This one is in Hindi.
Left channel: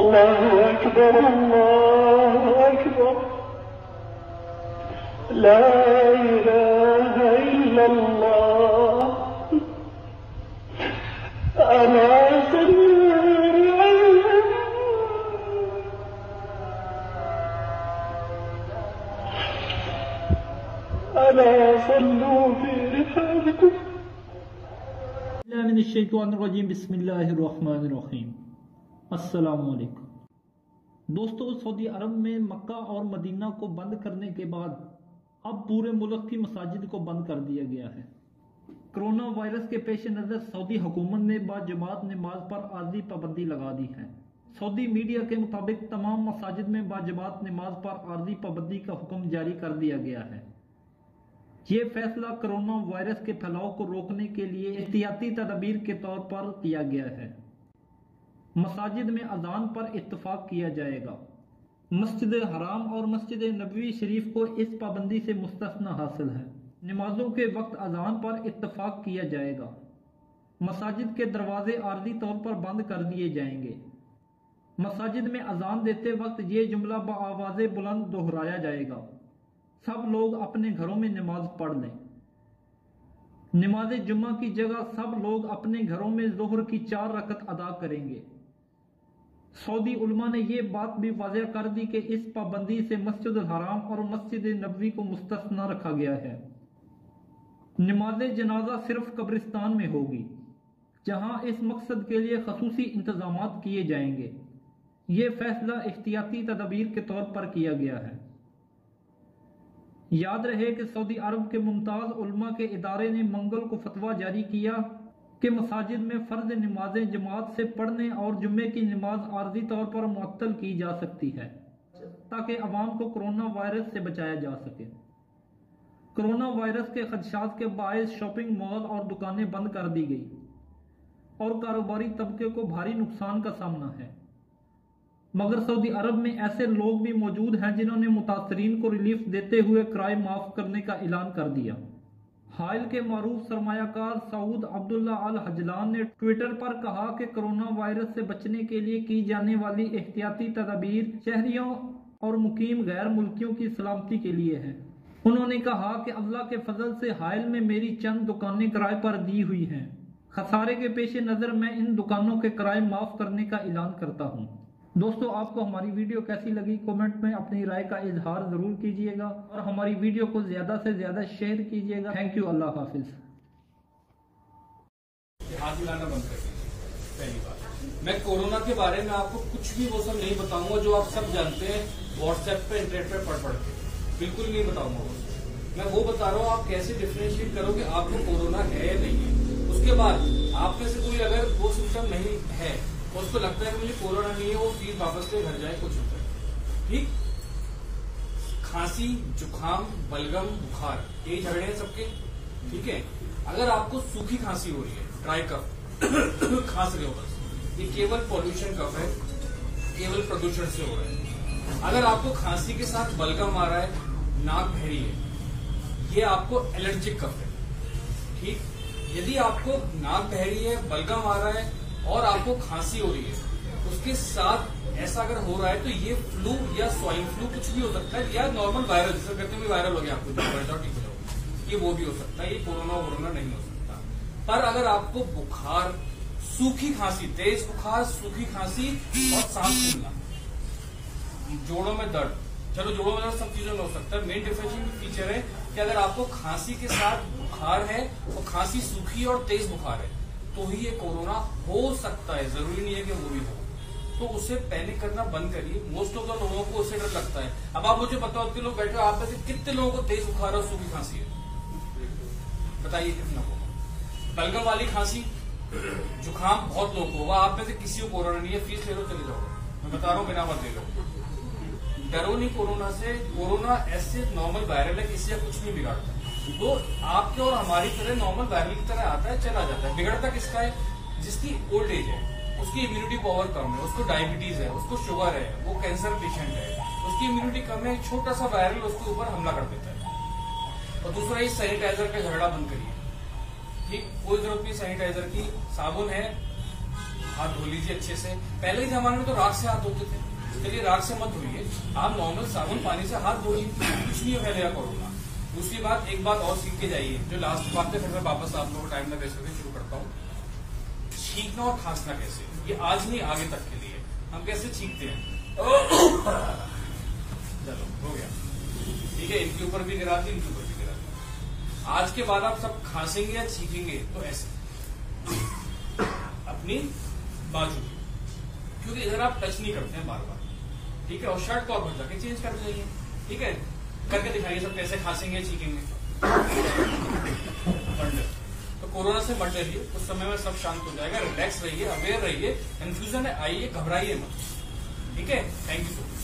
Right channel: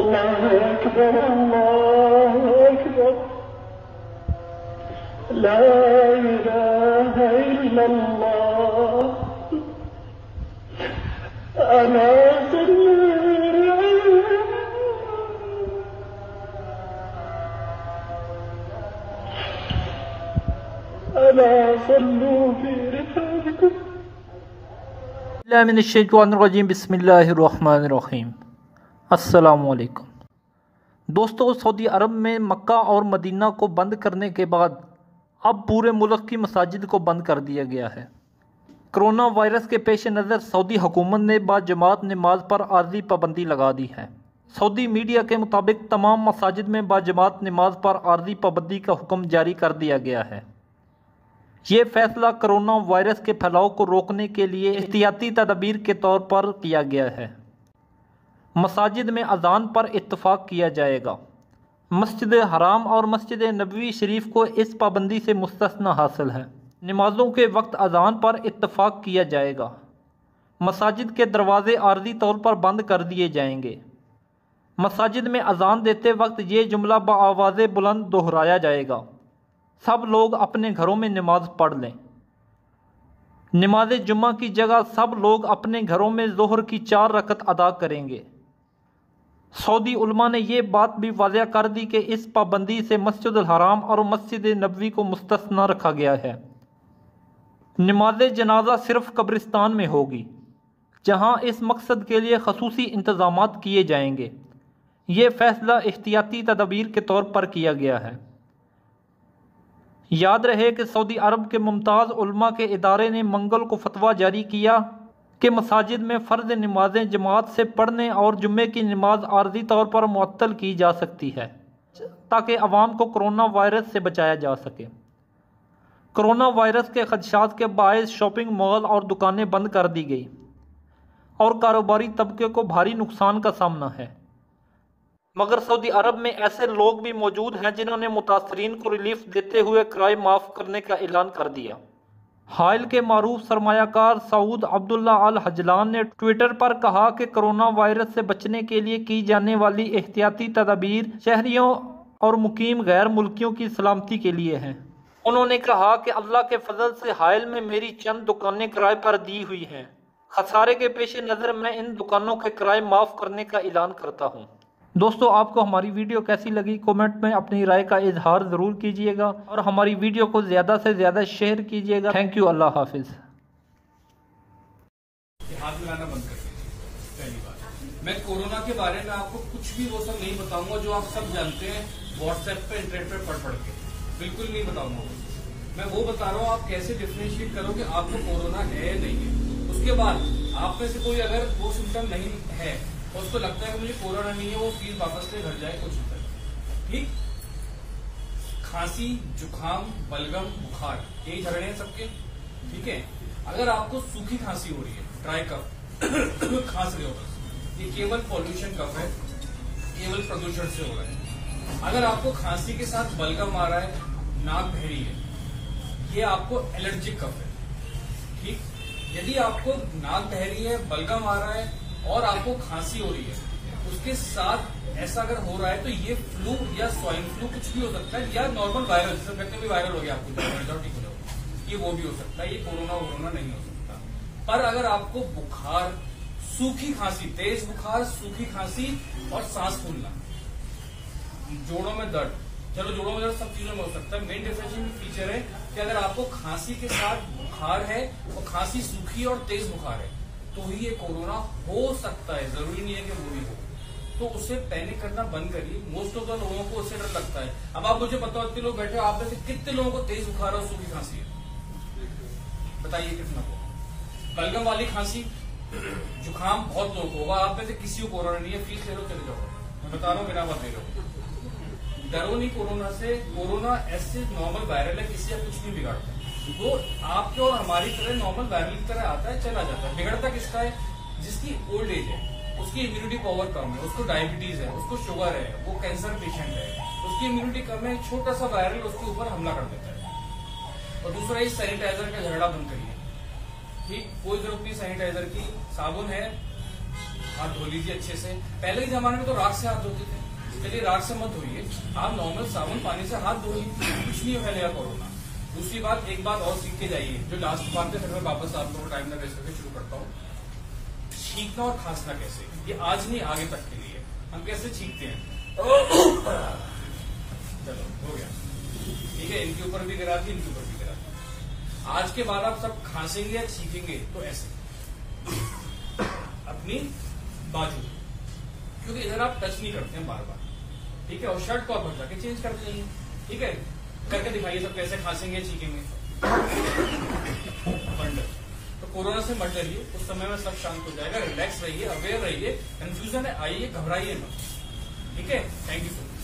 अल्लाहु अकबर, अल्लाहु अकबर, ला इलाहा इल्लल्लाह, अला सल्लू फी रिहालिकुम। बिस्मिल्लाहिर्रहमानिर्रहीम। अस्सलामुअलैकुम। दोस्तों, सऊदी अरब में मक्का और मदीना को बंद करने के बाद अब पूरे मुल्क की मसाजिद को बंद कर दिया गया है। कोरोना वायरस के पेश नज़र सऊदी हुकूमत ने बाजमात नमाज पर आर्जी पाबंदी लगा दी है। सऊदी मीडिया के मुताबिक तमाम मसाजिद में बाजमात नमाज पर आर्जी पाबंदी का हुक्म जारी कर दिया गया है। ये फैसला कोरोना वायरस के फैलाव को रोकने के लिए एहतियाती तदबीर के तौर पर किया गया है। मसाजिद में अजान पर इत्तफाक किया जाएगा। मस्जिद हराम और मस्जिद नबवी शरीफ को इस पाबंदी से मुस्तस्ना हासिल है। नमाजों के वक्त अजान पर इत्तफाक किया जाएगा। मसाजिद के दरवाजे आर्जी तौर पर बंद कर दिए जाएंगे। मसाजिद में अजान देते वक्त ये जुमला बआवाज़े बुलंद दोहराया जाएगा, सब लोग अपने घरों में नमाज पढ़ लें। नमाज जुम्मा की जगह सब लोग अपने घरों में ज़ोहर की 4 रकत अदा करेंगे। सऊदी उलमा ने यह बात भी वाज़ह कर दी कि इस पाबंदी से मस्जिद हराम और मस्जिद नबवी को मुस्तस्ना रखा गया है। नमाज जनाजा सिर्फ कब्रिस्तान में होगी, जहां इस मकसद के लिए खसूसी इंतज़ामात किए जाएंगे। ये फैसला एहतियाती तदबीर के तौर पर किया गया है। याद रहे कि सऊदी अरब के मुमताज़ उलमा के इदारे ने मंगल को फतवा जारी किया कि मसाजिद में फ़र्ज़ नमाजें जमात से पढ़ने और जुम्मे की नमाज आर्जी तौर पर मुअत्तल की जा सकती है, ताकि अवाम को कोरोना वायरस से बचाया जा सके। कोरोना वायरस के खदशात के बायस शॉपिंग मॉल और दुकानें बंद कर दी गई और कारोबारी तबके को भारी नुकसान का सामना है। मगर सऊदी अरब में ऐसे लोग भी मौजूद हैं जिन्होंने मुतासरीन को रिलीफ देते हुए किराए माफ़ करने का ऐलान कर दिया। हाल के मारूफ सरमायाकार सऊद अब्दुल्ला अल हजलान ने ट्विटर पर कहा कि कोरोना वायरस से बचने के लिए की जाने वाली एहतियाती तदबीर शहरियों और मुकीम गैर मुल्कियों की सलामती के लिए है। उन्होंने कहा कि अल्लाह के फजल से हाल में मेरी चंद दुकानें किराए पर दी हुई हैं। खसारे के पेश नज़र मैं इन दुकानों के किराए माफ़ करने का ऐलान करता हूँ। दोस्तों, आपको हमारी वीडियो कैसी लगी कमेंट में अपनी राय का इजहार ज़रूर कीजिएगा और हमारी वीडियो को ज़्यादा से ज़्यादा शेयर कीजिएगा। Thank you. अल्लाह हाफिज़। हाथ मिलाना बंद कर पहली बात। मैं कोरोना के बारे में आपको कुछ भी वो सब नहीं बताऊंगा जो आप सब जानते हैं व्हाट्सएप पे इंटरनेट पे पढ़ के, बिल्कुल नहीं बताऊंगा। मैं वो बता रहा हूँ आप कैसे डिफरेंशिएट करो कि आपको कोरोना है या नहीं है। उसके बाद आप में से कोई अगर वो सिम्टम नहीं है, उसको लगता है मुझे कोरोना नहीं है, वो फीस वापस से घर जाए, कुछ होता है ठीक। खांसी, जुकाम, बलगम, बुखार, यही झगड़े हैं सबके, ठीक है। अगर आपको सूखी खांसी हो रही है, ड्राई कफ खांस रहे हो, ये केवल पॉल्यूशन कफ है, केवल प्रदूषण से हो रहा है। अगर आपको खांसी के साथ बलगम आ रहा है, नाक बहरी है, ये आपको एलर्जिक कफ है, ठीक। यदि आपको नाक बहरी है, बलगम आ रहा है और आपको खांसी हो रही है, उसके साथ ऐसा अगर हो रहा है तो ये फ्लू या स्वाइन फ्लू कुछ भी हो सकता है, या नॉर्मल वायरल, जिसे कहते हैं वायरल हो गया आपको, ये वो भी हो सकता है, ये कोरोना नहीं हो सकता। पर अगर आपको बुखार, सूखी खांसी, तेज बुखार, सूखी खांसी और सांस फूलना, जोड़ों में दर्द, चलो जोड़ों में दर्द सब चीजों में हो सकता है। मेन डिफरेंशिएटिंग फीचर है कि अगर आपको खांसी के साथ बुखार है और खांसी सूखी और तेज बुखार है तो ही ये कोरोना हो सकता है, जरूरी नहीं है कि वो भी हो। तो उससे पैनिक करना बंद करिए। मोस्ट ऑफ द लोगों को उससे डर लगता है। अब आप मुझे बताओ, इतने लोग बैठे हो, आप में से कितने लोगों को तेज बुखार और सूखी खांसी है? बताइए कितना को। बलगम वाली खांसी, जुकाम बहुत लोगों को होगा, आप में से किसी को कोरोना नहीं है, फीस ले लो चले जाओ। मैं बता रहा हूँ, बिना मत ले लो, डरो नहीं कोरोना से। कोरोना ऐसे नॉर्मल वायरल है, किसी का कुछ नहीं बिगाड़ता। वो आपके और हमारी तरह नॉर्मल वायरल की तरह आता है, चला जाता है। बिगड़ता किसका है? जिसकी ओल्ड एज है, उसकी इम्यूनिटी पावर कम है, उसको डायबिटीज है, उसको शुगर है, वो कैंसर पेशेंट है, उसकी इम्यूनिटी कम है, छोटा सा वायरल उसके ऊपर हमला कर देता है। और दूसरा, इस सैनिटाइजर का झगड़ा बंद करिए, ठीक। कोई जरूरत नहीं सैनिटाइजर की, साबुन है, हाथ धो लीजिए अच्छे से। पहले के जमाने में तो राख से हाथ धोते थे, चलिए राख से मत धोइए, आप नॉर्मल साबुन पानी से हाथ धोइए, कुछ नहीं फैलेगा कोरोना। दूसरी बात, एक बात और सीख के जाइए, जो लास्ट बात है, फिर मैं वापस आप लोगों को टाइम ना वेस्ट करके शुरू करता हूँ। छींकना और खांसना कैसे, ये आज नहीं आगे तक के लिए। हम कैसे छींकते हैं, चलो हो गया, ठीक है, इनके ऊपर भी गिरा दी, इनके ऊपर भी गिरा दी। आज के बाद आप सब खांसेंगे या छींकेंगे तो ऐसे अपनी बाजू, क्योंकि इधर आप टच नहीं करते हैं बार बार, ठीक है। और शर्ट को आप बदला के चेंज कर देंगे, ठीक है। करके दिखाइए सब कैसे खांसेंगे छींकेंगे। तो कोरोना से मत डरिए, उस समय में सब शांत हो जाएगा। रिलैक्स रहिए, अवेयर रहिए, कंफ्यूजन है आइए, घबराइए मत, ठीक है। Thank you so much.